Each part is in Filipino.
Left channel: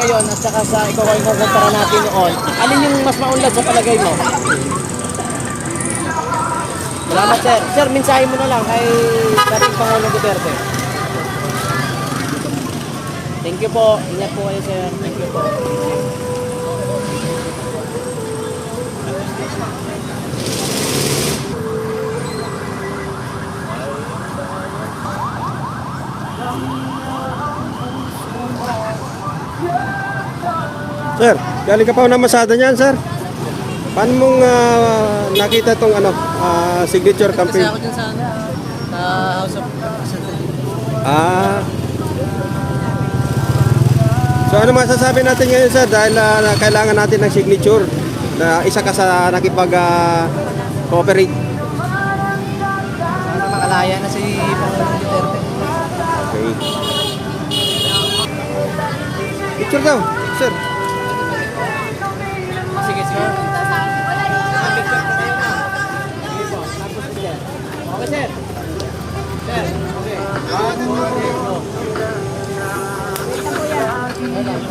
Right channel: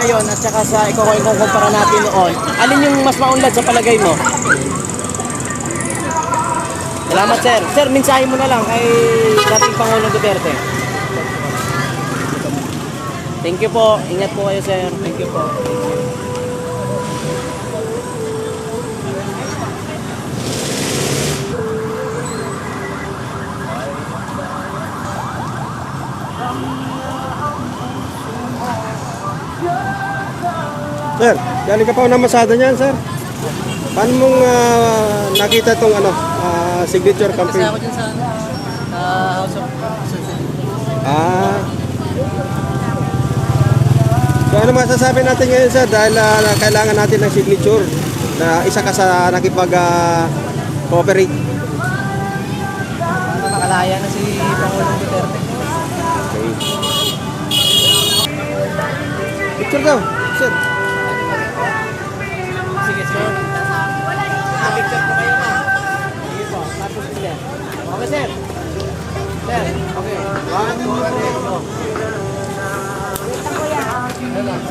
Ngayon at saka sa ikukumpara natin noon, alin yung mas maunlad sa palagay mo? Salamat sir. Sir, mensahe mo na lang kay dating Pangulong Duterte. Thank you po. Ingat po kayo sir. Thank you po. Sir, galing ka pa na masada niyan, sir. Paano mong nakita tong signature campaign? Kasi ako dyan sa House of So ano masasabi natin ngayon, sir, dahil kailangan natin ng signature na isa ka sa nakipag-cooperate. Sana makalaya na si Pangulong Duterte. Okay. Picture daw, sir. Sige sir. Picture po kayo na. Sige po, tapos sir. Okay sir. Sir, okay. 1, 2, 3, go.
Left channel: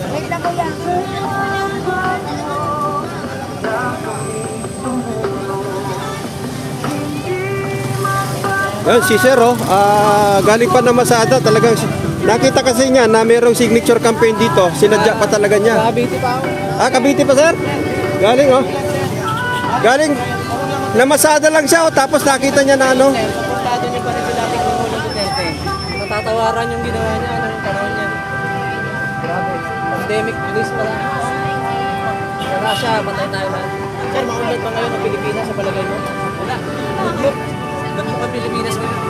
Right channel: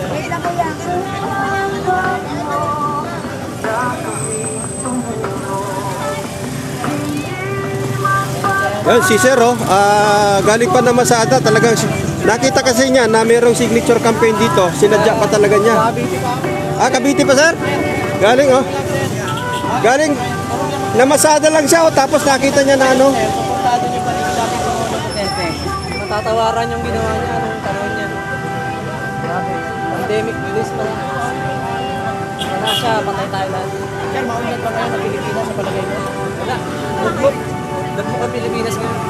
Wait lang kuya. Yan, si sir, galing pa na masada. Talagang nakita kasi niya na mayroong signature campaign dito. Sinadya pa talaga niya. Cavite pa ako. Cavite pa, sir? Galing, galing. Namasada lang siya, tapos nakita niya na ano. Sir, supportado niyo pa rin sa dating Pangulong Duterte. Matatawaran yung ginawa niya, anong panahon niya. Grabe. Pandemic bliss pala. Wala siya, patay tayo lahat. Sir, maulit pa ngayon ang Pilipinas sa palagay mo? Wala. Luglog. Luglog ang Pilipinas ngayon.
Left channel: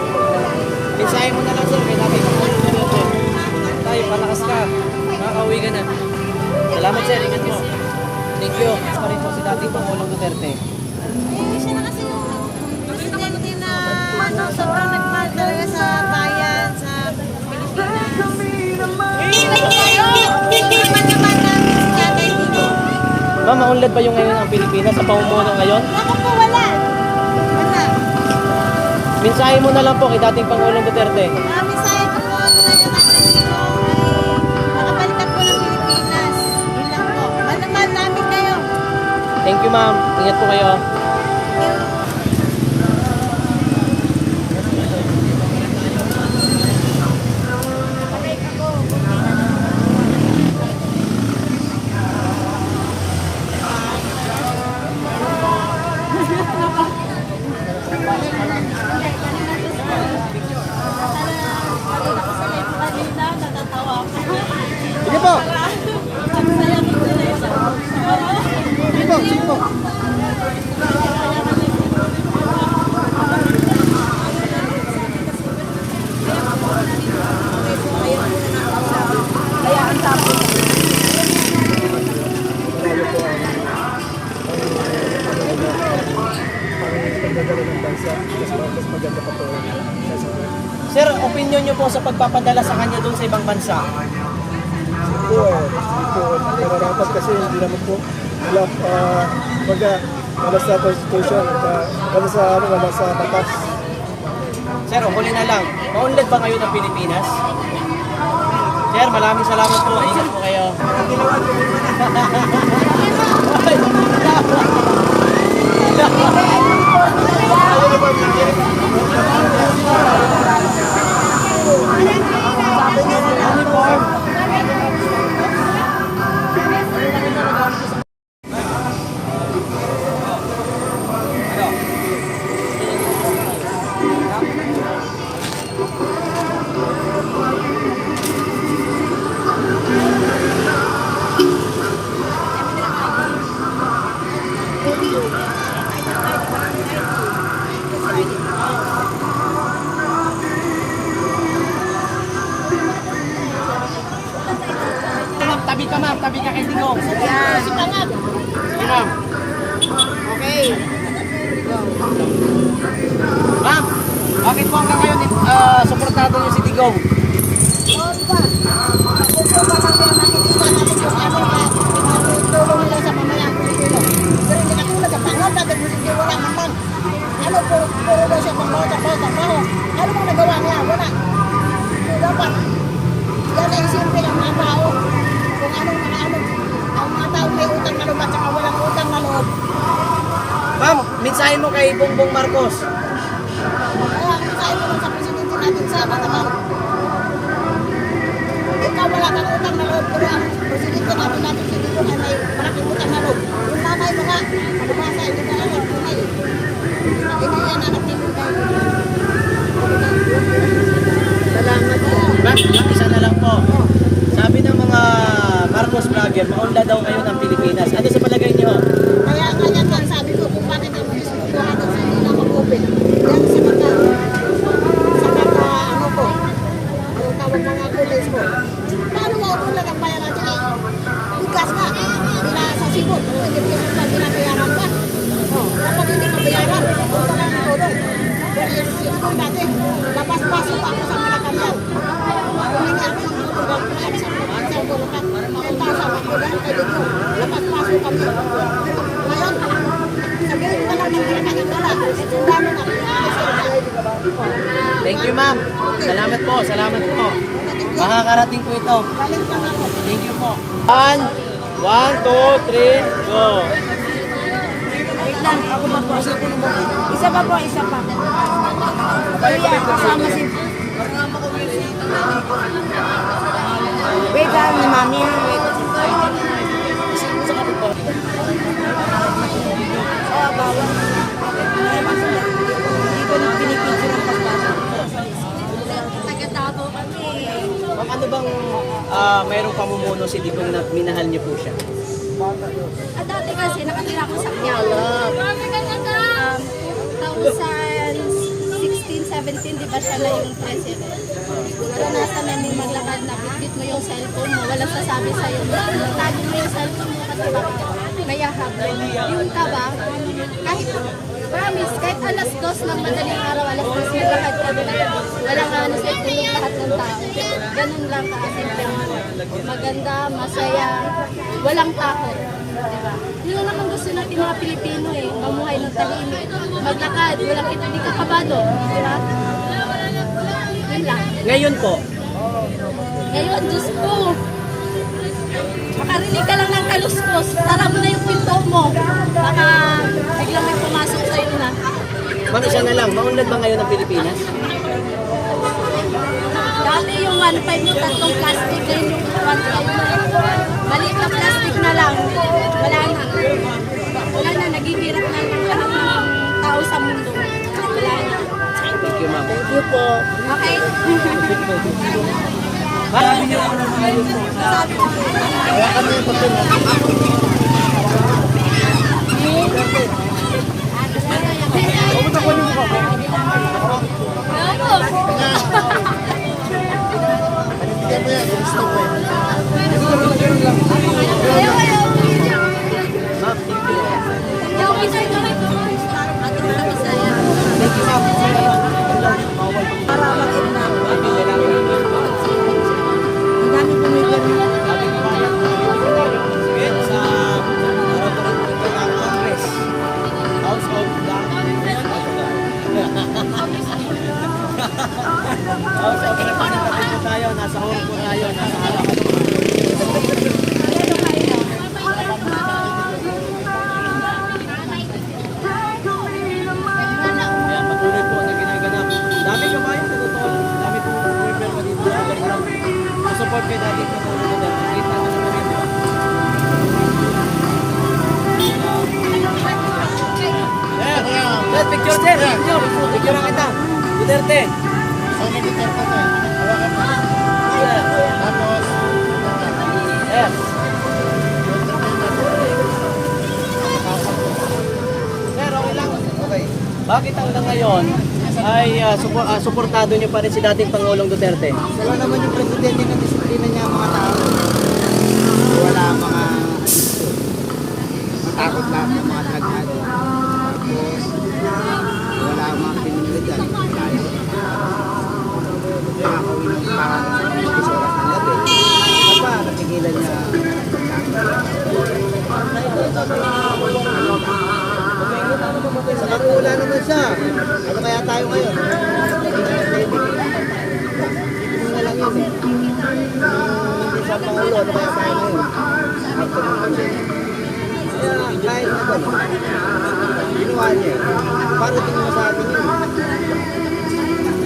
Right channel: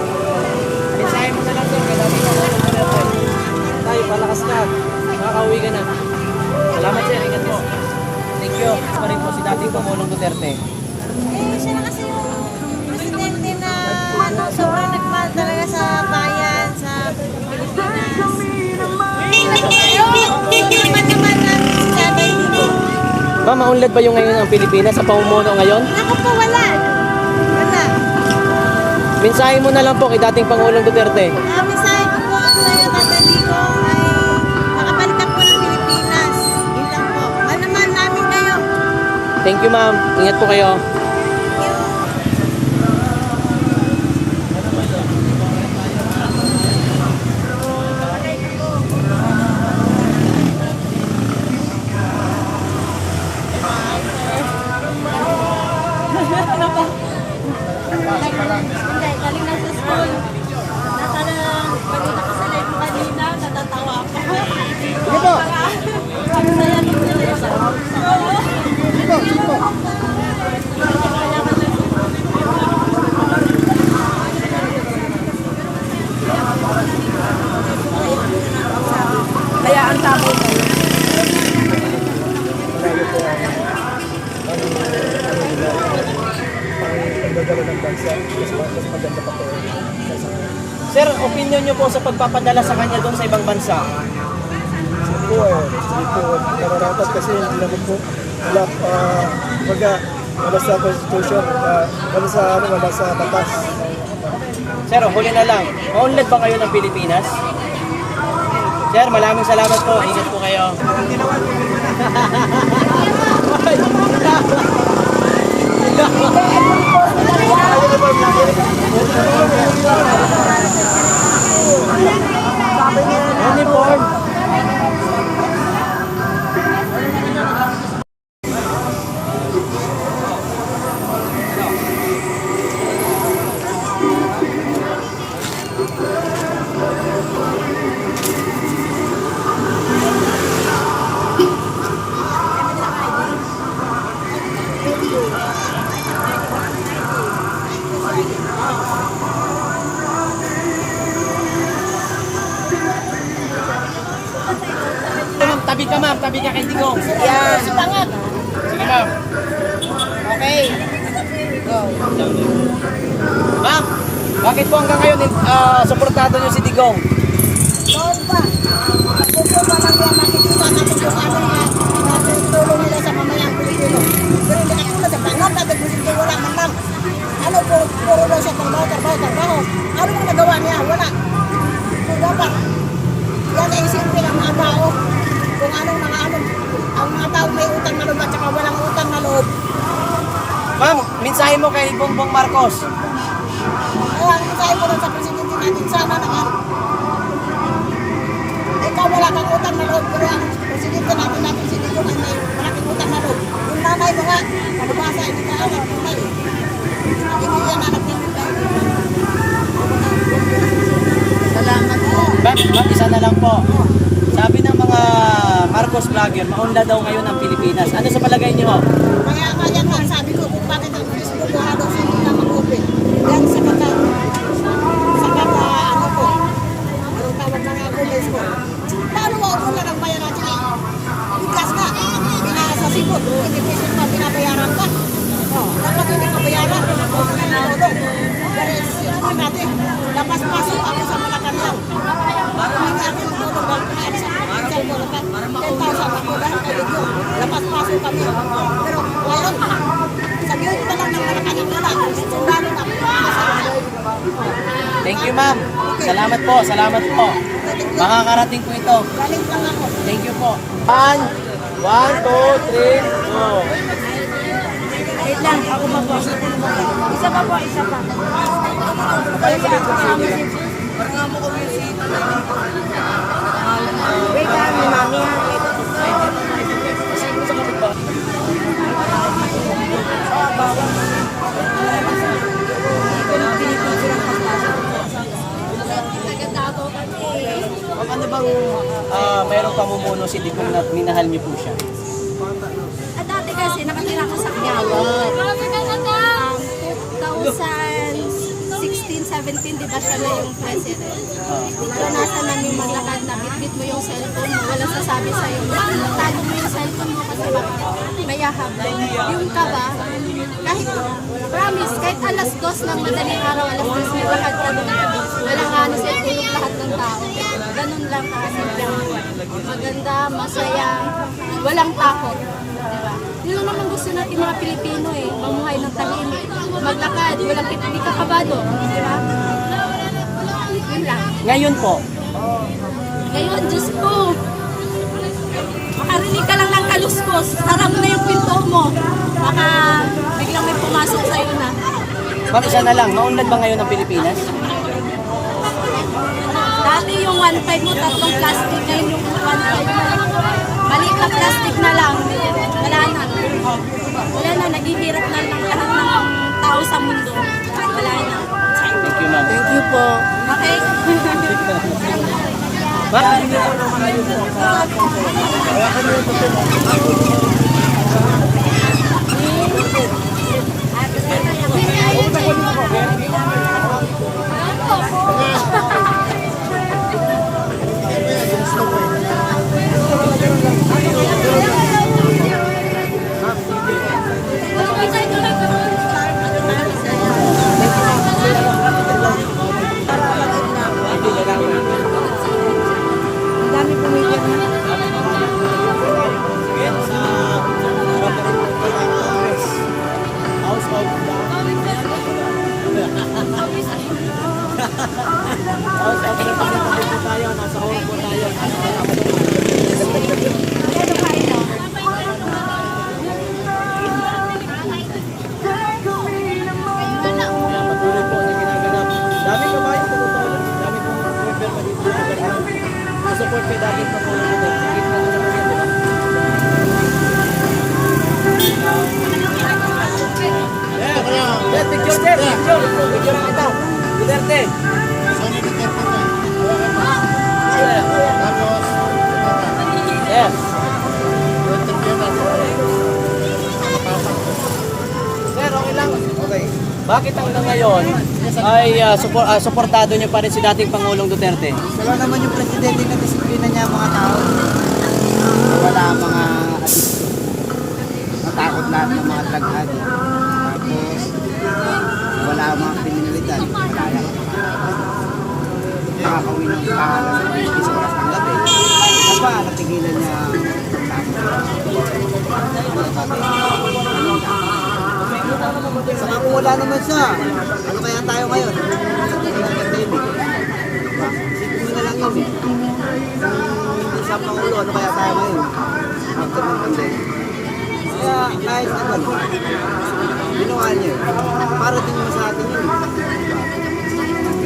Mensahe mo na lang sir, kaya dating Pangulong Duterte. Tayo, palakas ka. Nakakauwi ka na. Salamat sir, ingat mo. Thank you. Pa rin po si dating Pangulong Duterte. Siya na kasi yung presidente na sobrang nagmahal talaga sa bayan, sa Pilipinas. Hindi naman namin si Tatay dito. Ma'am, maunlad ba yung ngayon ang Pilipinas sa pamumuno ngayon? Naku po, wala. Wala. Mensahe mo na lang po kay dating Pangulong Duterte. Mensahe ko po sa iyo, Tatay Digong, ay makabalik ka po ng Pilipinas. Yun lang po. Mahal na mahal namin kayo. Thank you ma'am. Ingat po kayo. Thank you. ano ko. Hindi, kanina sa school. Nasa na, nalito sila yung kanina, natatawa ako. Sige po. Ang saya ng Sige po, sige po. Kaya ang sabi ko, Malayo po ang ano nila, ang pagdadala ng bansa. Mas maganda pa po kaysa Sir, opinion nyo po sa pagpapadala sa kanya doon sa ibang bansa? po hindi po nararapat kasi hindi naman po wala sa constitution, wala sa batas. Sir, huli na lang. Maunlad ba kayo ng Pilipinas? Sir, maraming salamat po. Ingat po kayo. Ma'am, tabi ka ma'am. Tabi ka kay Tingong. yan. Sige ma'am. Okay. Ma'am, bakit po hanggang ngayon suportado niyo si Digong? Noon pa, nakupo pa lang yan, makikita natin kung ano nga natutulong nila sa mamayang Pilipino. Pero hindi katulad sa pangaw natin, hindi wala man lang. Ano, puro daw siya trabaho. Ano bang nagawa niya? Wala. So dapat, yan ay isipin ang mga tao. Kung anong mga ang mga tao may utang na loob at saka walang utang na loob. Ma'am, mensahe mo kay Bongbong Marcos. Kaya ang mensahe mo lang sa presidente natin, sana naman ikaw wala kang utang na loob, pero ang presidente natin si Digong ay may malaking utang na loob. Yung nanay mo nga, palibasa, hindi ka anak tunay. Hindi yan anak ni Minday. Salamat po. Ma'am, isa na lang po. Sabi ng mga Marcos vlogger, maunda daw kayo ng Pilipinas. Ano sa palagay niyo? Kaya nga yan nga sabi ko kung bakit ang Facebook ko halos hindi na mag-open. Yan sa ano ko, anong tawag mga comments ko. Paano ako na lang bayan natin eh? Bigas nga, sa sipot, hindi piso pa binabayaran ka. Dapat hindi pabayaran, punta lang ng tulong. Pero siguro dati, lapas-pasok ako sa Malacanang. Humingi ako ng tulong dahil pinaalis ako ng pinsel ko. 10,000 ako dahil kay Digong. Lapas-pasok kami. Pero ngayon, sabihin ka lang ng Malacanang wala. Sundalo na. Thank you, ma'am. Salamat po, salamat po. Makakarating po ito. Galing lang ako. Thank you po. 1, 2, 3, go. Wait lang, ako pa po. Isa pa po, isa pa. Wait lang, mami. Pinipicture ang pagpasok. Ma'am, ano bang mayroong pamumuno si Digong na minahal niyo po siya? Dati kasi nakatira ko sa Quiapo. 2016-17, di ba siya na yung president? Naranasan namin maglakad na bitbit mo yung cellphone mo, walang sasabi sa'yo. Tago mo yung cellphone mo kasi baka may hablo. Yung kaba, kahit promise, kahit alas 2 ng madaling araw, alas 2 maglakad ka doon. Walang ano sa tulog lahat ng tao. Ganun lang kasimple ang buhay. Maganda, masaya, walang takot. Diba? Yun lang naman gusto natin mga Pilipino eh. Mamuhay ng tahimik. Maglakad, walang hindi ka kabado. Diba? Yun lang. Ngayon po, Ngayon, Diyos ko, makarinig ka lang ng kaluskos. Tara mo na yung pinto mo. Baka biglang may pumasok sa'yo na. ma'am, isa na lang. Maunlad ba ngayon ng Pilipinas? Dati yung 1.5 mo, tatlong plastic. Ngayon yung 1.5 mo. Maliit na plastic na lang. Wala na. Wala na, naghihirap na lang lahat ng mundo. Wala na. Thank you, ma'am. Thank you po. Okay? Marami niyo po ng mga yun po. Ang dami pumipili. Support kayo dahil sa picture sir, picture lang ito. Duterte. So, may Duterte ko. Hawakan mo. Sir. Tapos, Yes. Sir, okay lang. Okay. Bakit hanggang ngayon ay suportado niyo pa rin si dating Pangulong Duterte? Wala naman yung presidente na disiplina niya ang mga tao. Wala ang mga addiction. Matakot lahat ng mga drug addict. Tapos, wala ang mga kriminalidad. Malaya ka nakakauwi ng tahanan ng 10 oras ng gabi. Isa pa, natigilan niya pagtakot. Kalinda. Saka kung wala naman siya, ano kaya tayo ngayon? Pagdating ng pandemic. Diba? Isipin mo na lang yun eh. Kung hindi siya Pangulo, ano kaya tayo ngayon? After ng pandemic. Kaya kahit na gano'n, ginawa niya yun. Para din naman sa atin yun eh.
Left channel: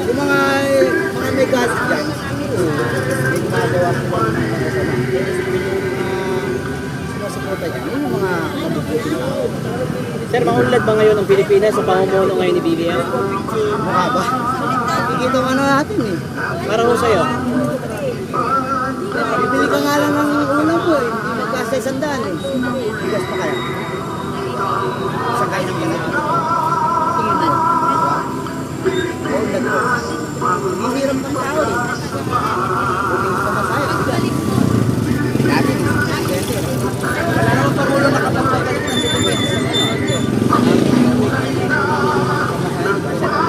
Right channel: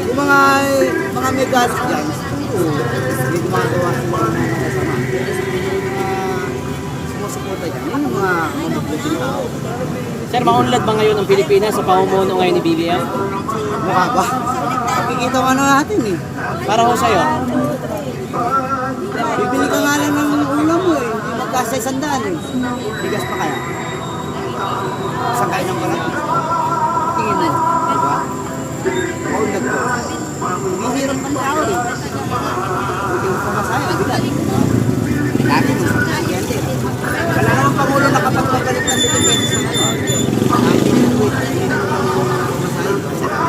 Yung mga may galit dyan, siguro, may gumagawa sila ng mga masama. Sumusuporta dyan, yun yung mga mabubuting tao. Sir, maunlad ba ngayon ang Pilipinas sa pamumuno ngayon ni BBM? Mukha ba? Nakikita mo na natin eh. Para ho sa'yo? Bibili ka nga lang ng ulam mo eh. Hindi magkasa 100 eh. Bigas pa kaya? Sakay ng balat. Tingin mo. Diba? Maunlad ko. Hihirap ng tao eh. Buting pumasaya, bigat. Lagi nung presidente. Wala naman Pangulo na kapag pagbalik ng Pilipinas sa ngayon. Pamasahin ba? Siya lang.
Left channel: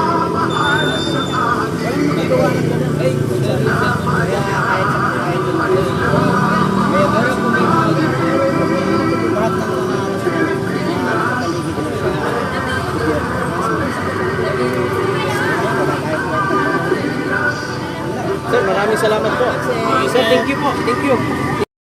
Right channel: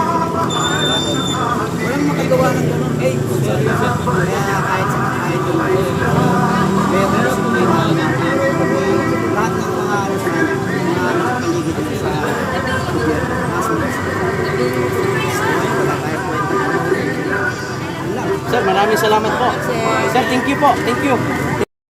Walang makagawa ng gano'n. Kaya kahit sa kahit yung meron lahat ng mga ano sa kanya, mga ano sa paligid niya sa gobyerno, nasunod sa ngayon, wala tayong kwenta Pangulo. Sir, maraming salamat po. Sir, thank you po. Thank you.